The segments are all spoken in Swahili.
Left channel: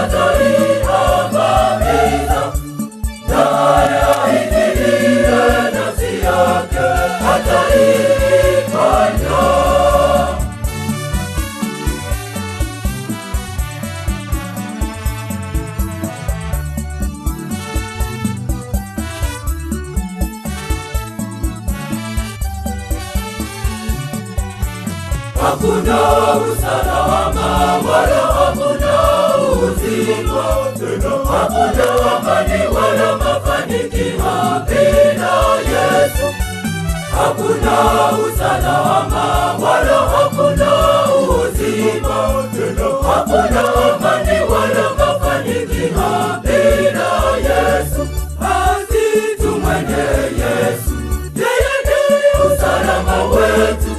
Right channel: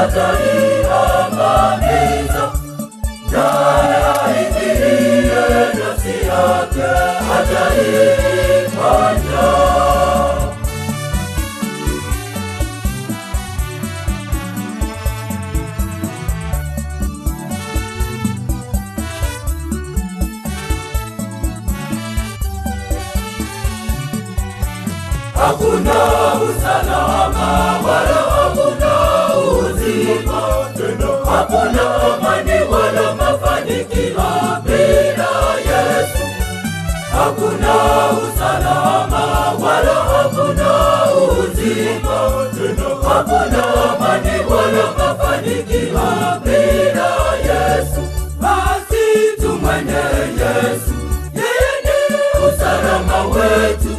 ataiangamiza, naye aiminie nafsi yake ataifanya. Hakuna usalama wala hakuna uzima, hakuna amani wala mafanikio bila Yesu. Hakuna usalama wala hakuna uzima, hakuna amani wala mafanikio bila Yesu. Basi tumwende Yesu, yeye ni usalama wetu.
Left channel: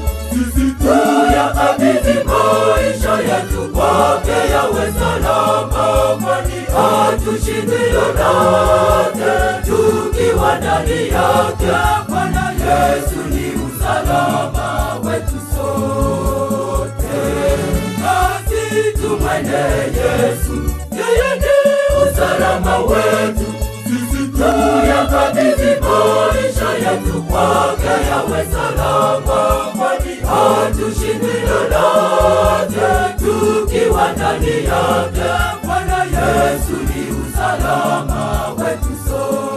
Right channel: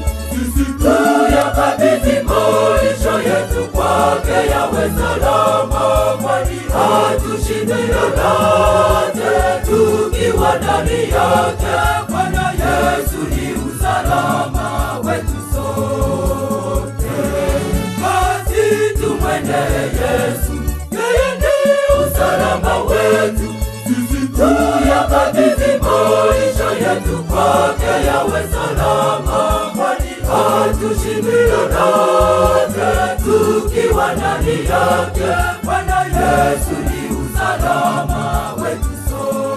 Tuyakabidhi maisha yetu kwake yawe salama, kwani hatushindi lolote tukiwa ndani yake. Bwana Yesu ni usalama wetu sote. Basi tumwende Yesu, yeye ni usalama wetu. Tuyakabidhi maisha yetu kwake yawe salama, kwani hatushindi lolote tukiwa ndani yake. Bwana Yesu ni usalama wetu sote.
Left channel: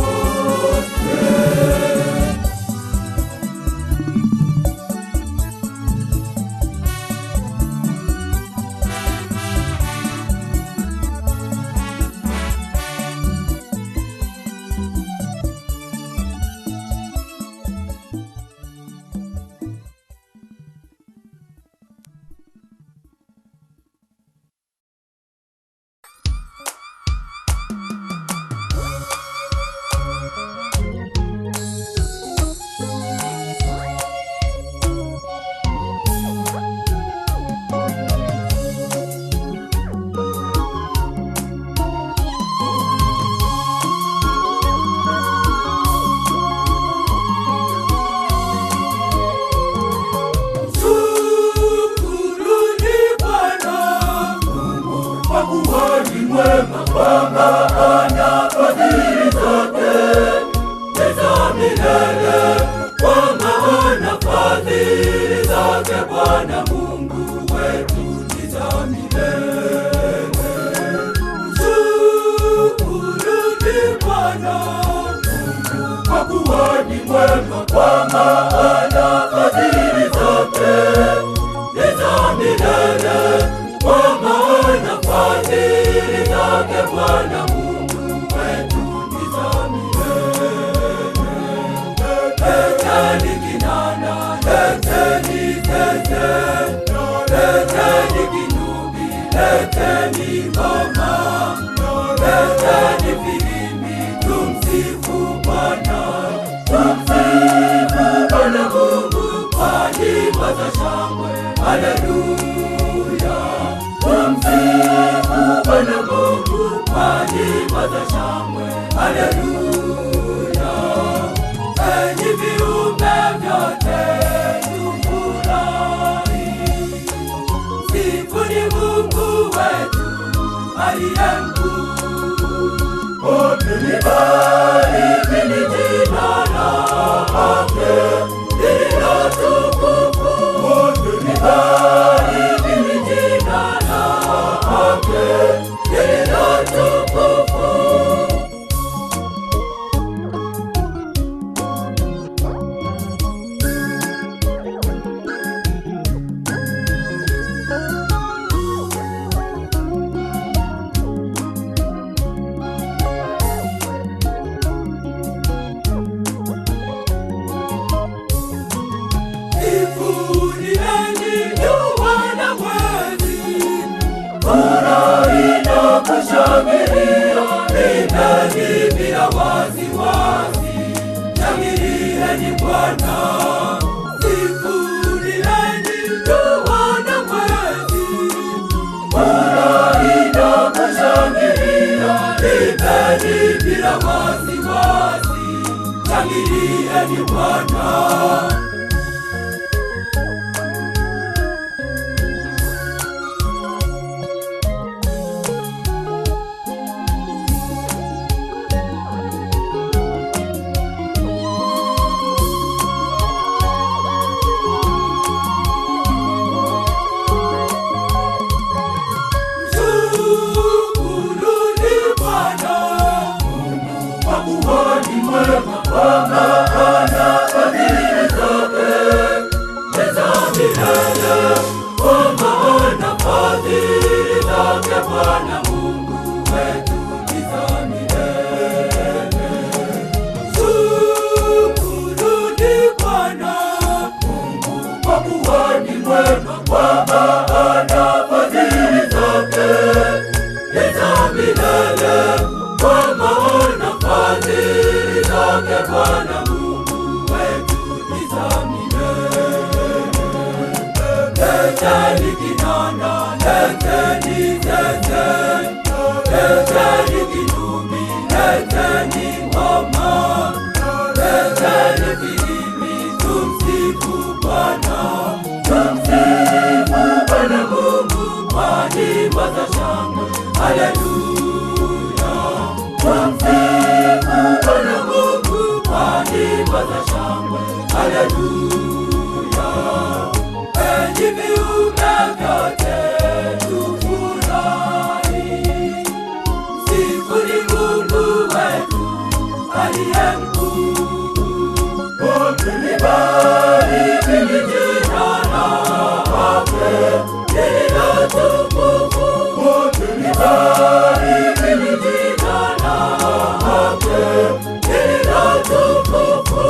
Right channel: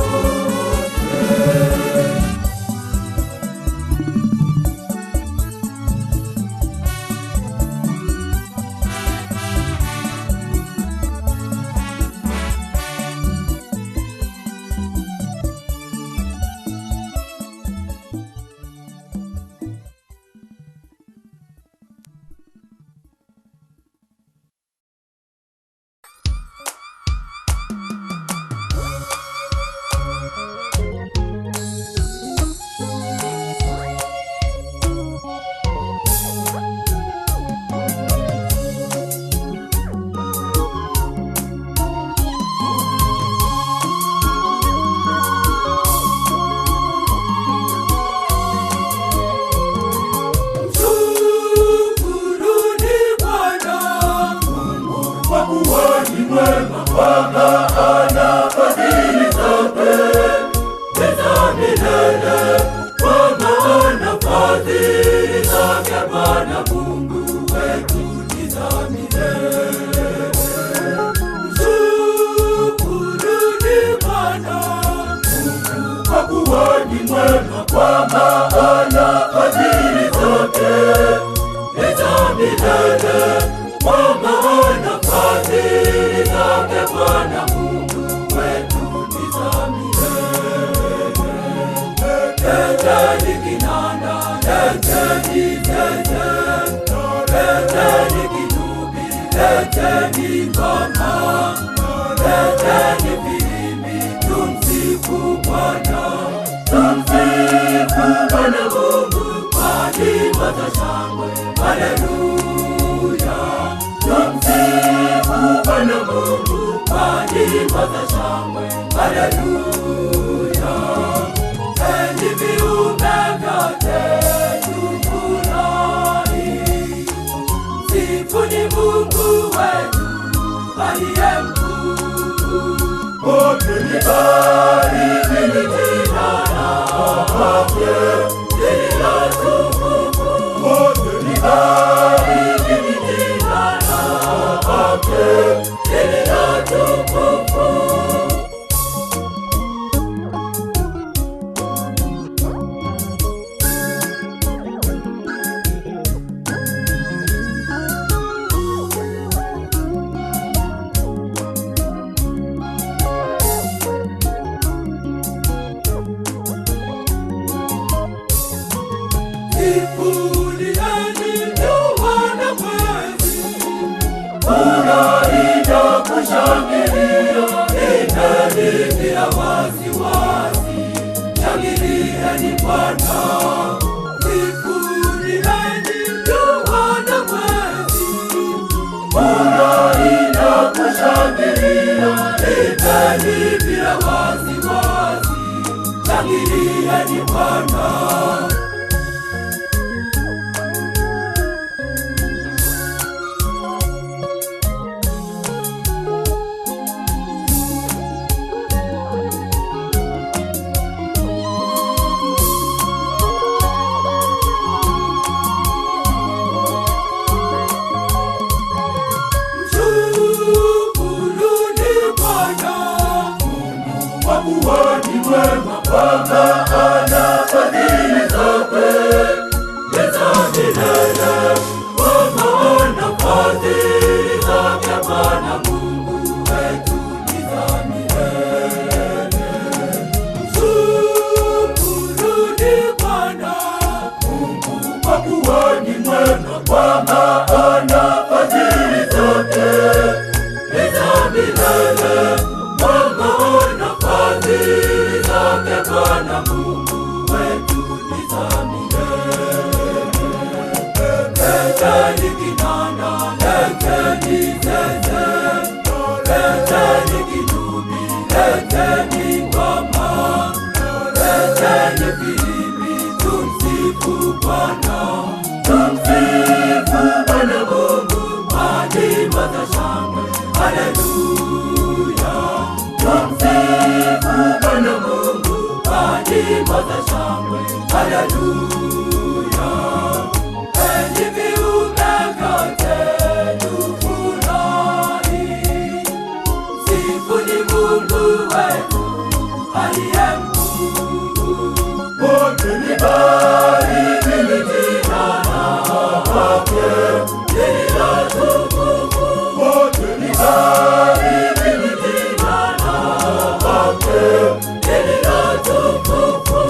Enyi viumbe vyote tufurahi, msifuni Mungu wetu aliye mkuu. Wote libarikini jina lake, yeye ni tukufu. Wote libarikini jina lake, yeye ni tukufu.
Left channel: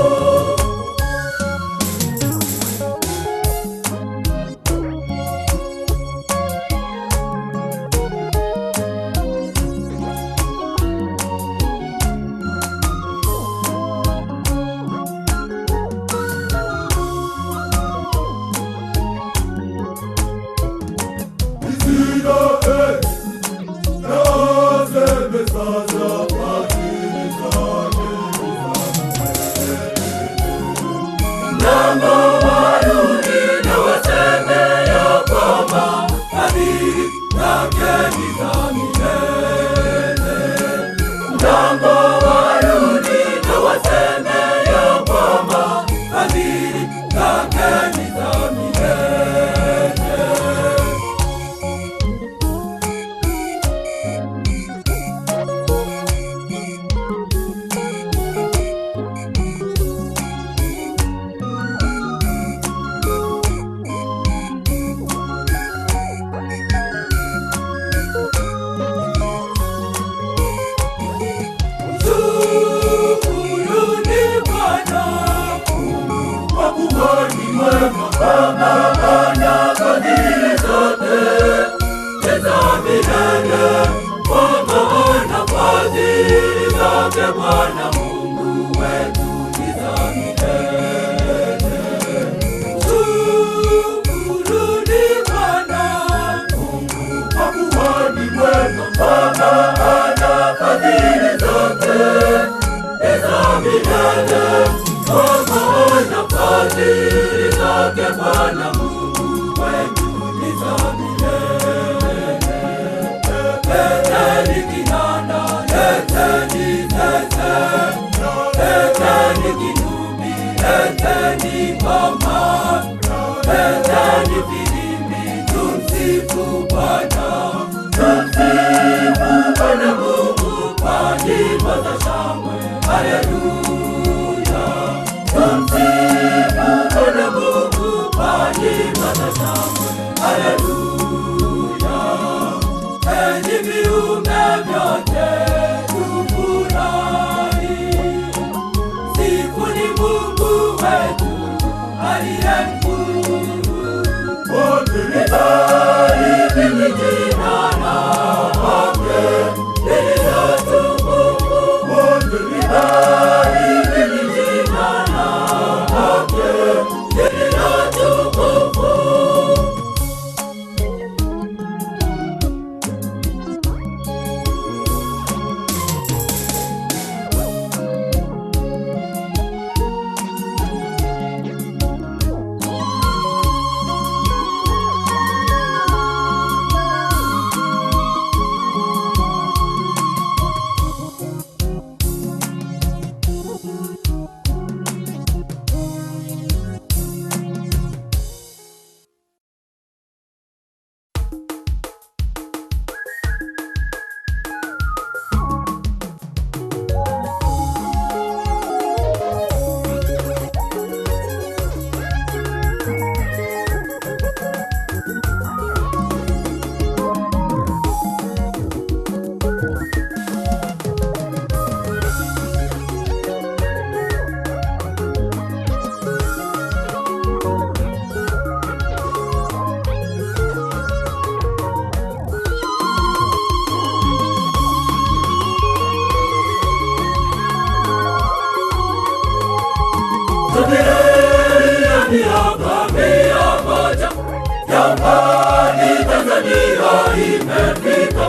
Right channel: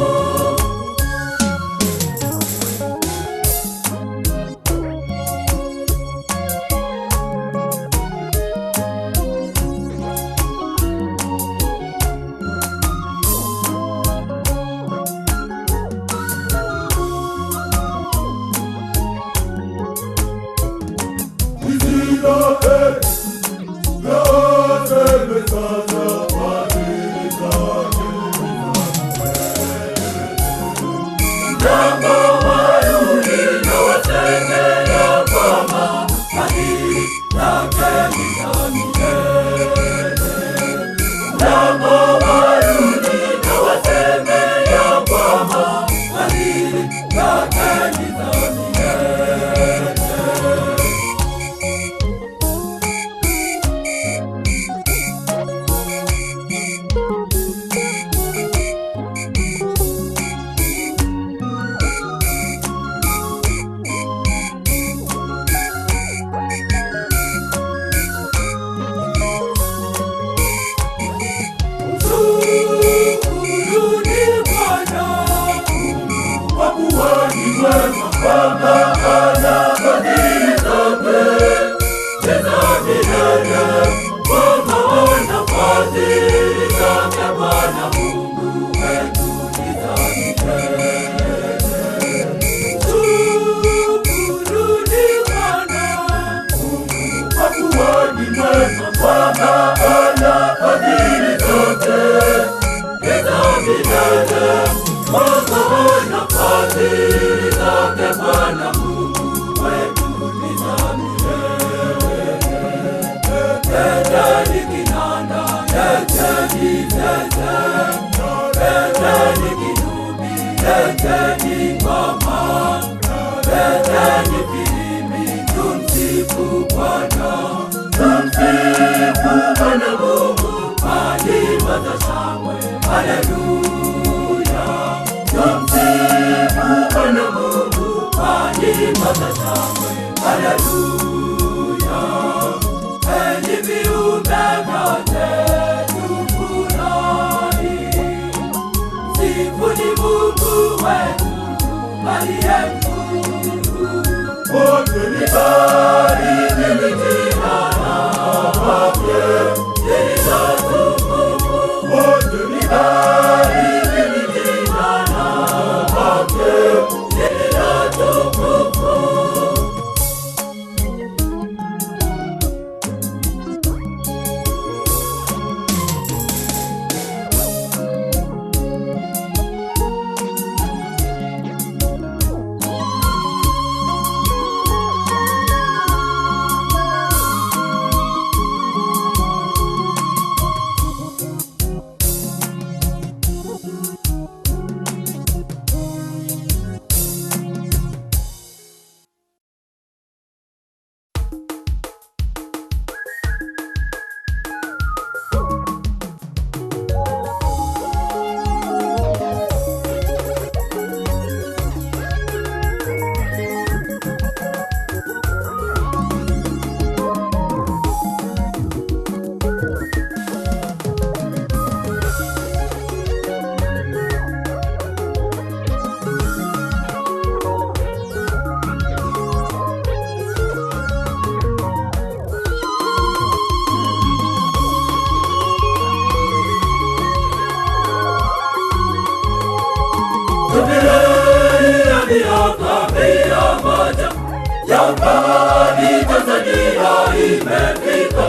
Jamani, Tanzania imefika,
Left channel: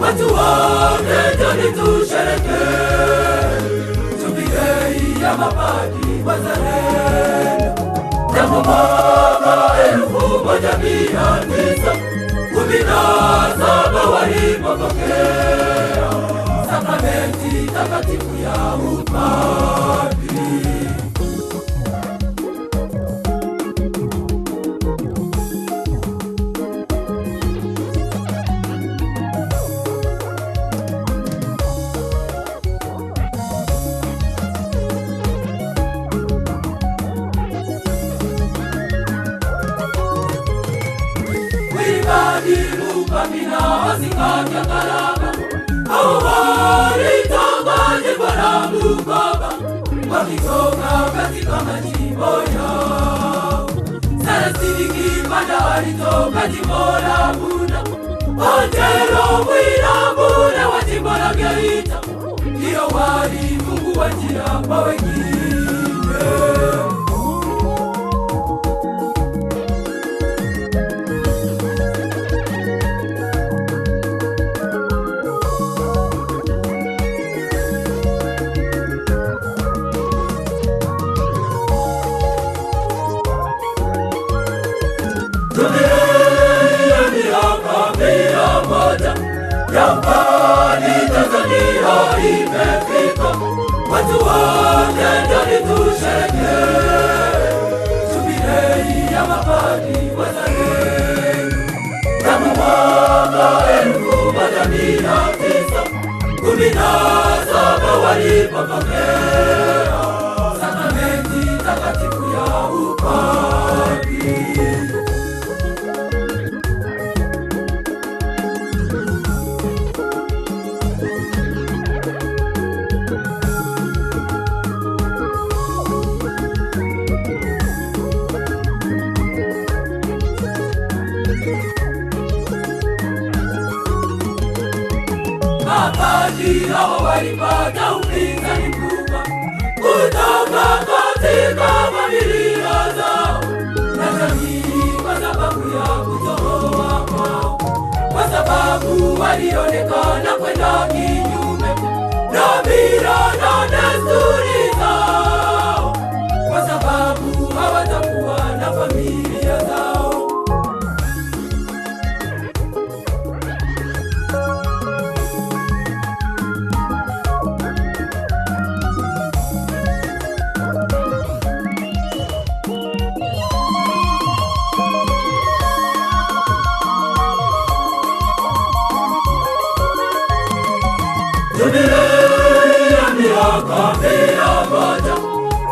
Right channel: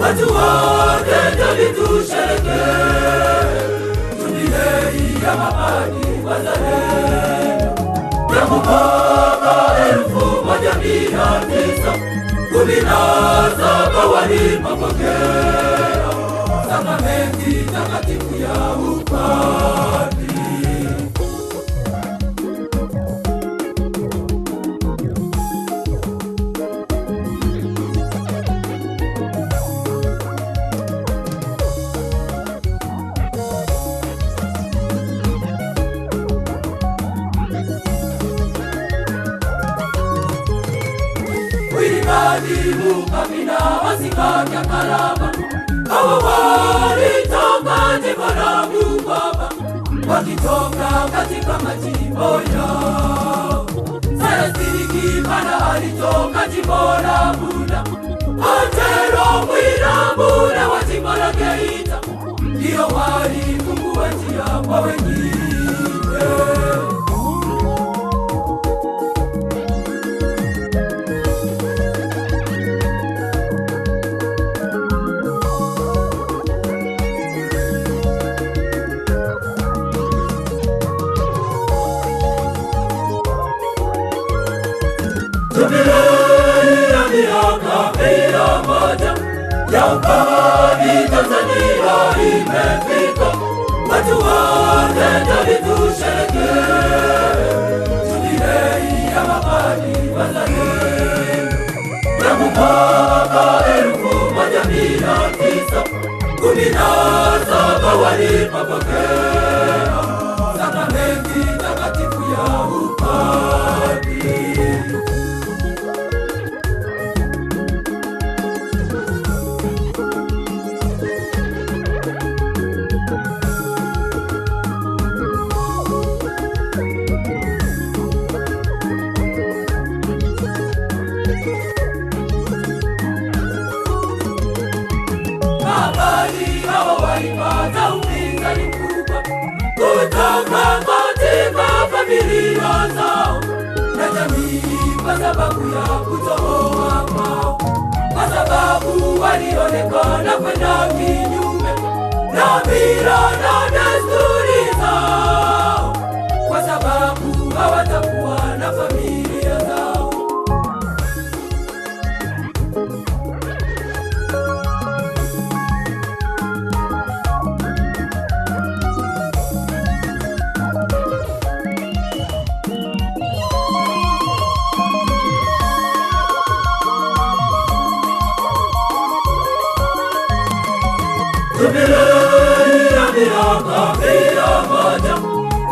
watu wote njoni tusherehekee jubilei ya mapadri wazalendo ya mwaka 1917 walipopokea sakramenti takatifu ya upadri. msalaba. Hao walitakatifu wanaabudu Baba, wakitoka katika majimbo yao. Celestini Kimana alitoka jimbo la Bunda, Angelo Mwirambula wa jimbo la Geita, ndio walifungua njia kwa wengine. Yampani Tanzania imefika, watu wote njoni tusherehekee. Jubilei ya mapadi wazalendo ya mwaka 1917 walipopokea sakramenti takatifu ya upadri. Walipata upinzani mkubwa kutoka katika familia zao na jamii, kwa sababu ya kutoa kwao, kwa sababu walionekana kwenda kinyume na mila na desturi zao, kwa sababu hawatakuwa na familia zao.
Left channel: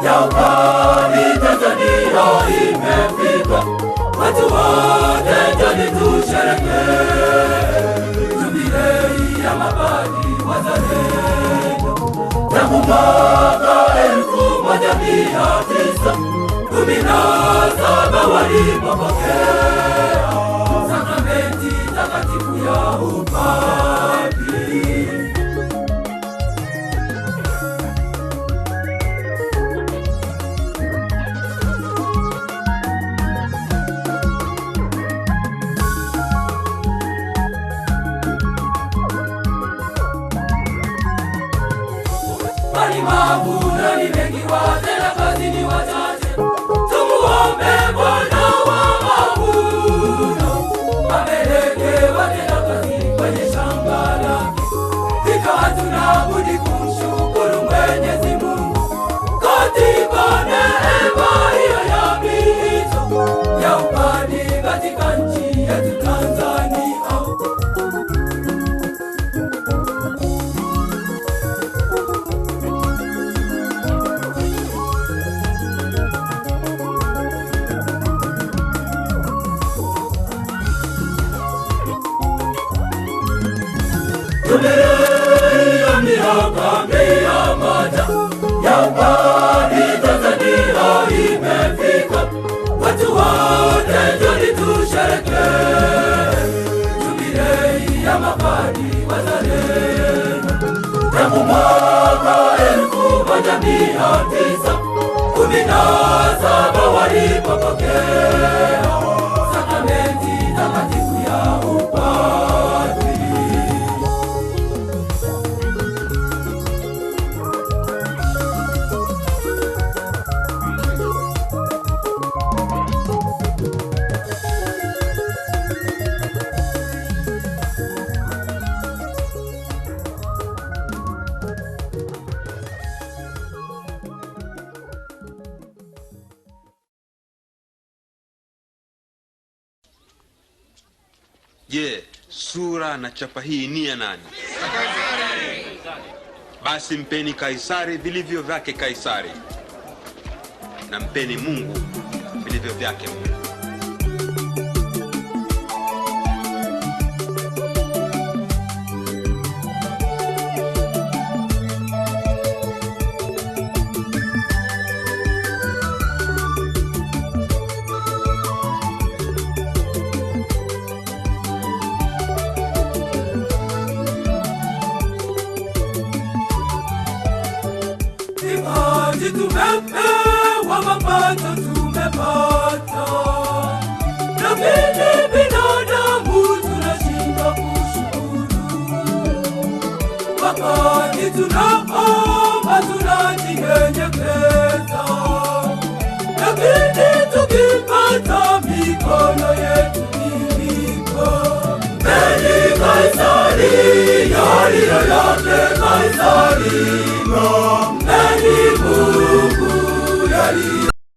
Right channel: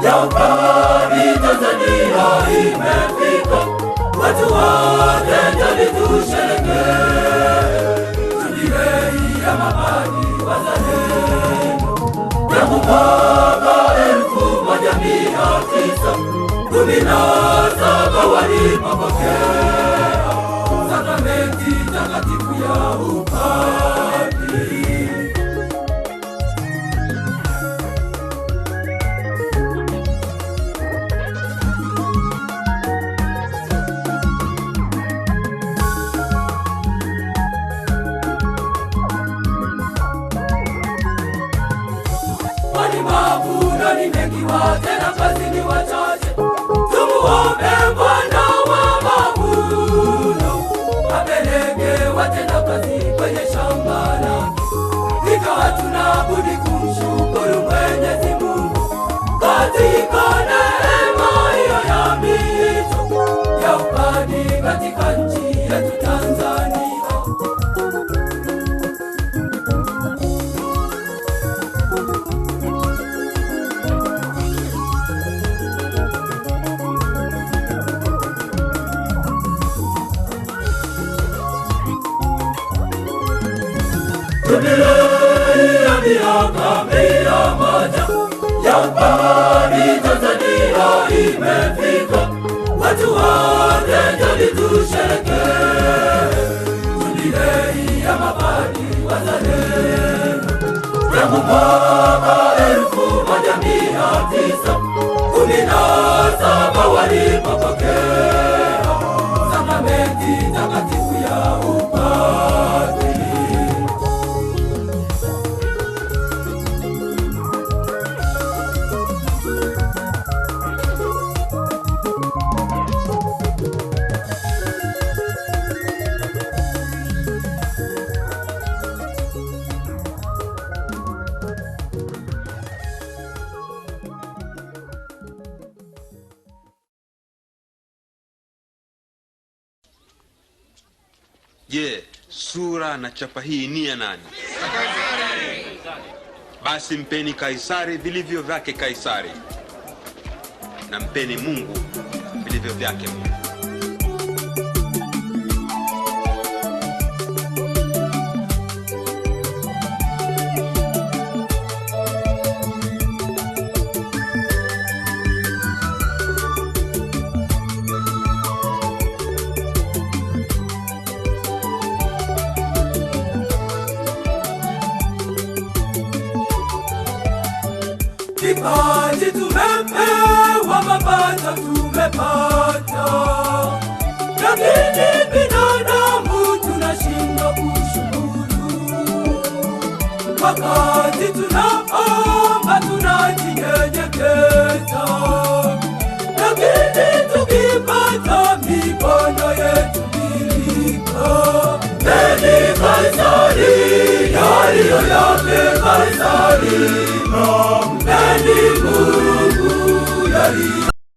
Yampani Tanzania imefika, watu wote njoni tusherehekee. Jubilei ya mapadi wazalendo ya mwaka 1917 walipopokea sakramenti takatifu ya upadri. Mavuno ni mengi, watenda kazi ni wachache. Tumuombe Bwana wa mavuno apeleke watenda kazi kwenye shamba lake. Hivyo hatuna budi kumshukuru Mwenyezi Mungu katika neema hiyo ya miito ya upadi katika nchi yetu Tanzania. Jubilei ya miaka 100 Yampani Tanzania imefika, watu wote njoni tusherehekee. Jubilei ya mapadi wazalendo ya mwaka 1917 walipopokea sakramenti takatifu ya upadri. Je, sura na chapa hii ni ya nani? Basi mpeni Kaisari vilivyo vyake Kaisari, na mpeni Mungu vilivyo vyake Mungu. Hey, hey.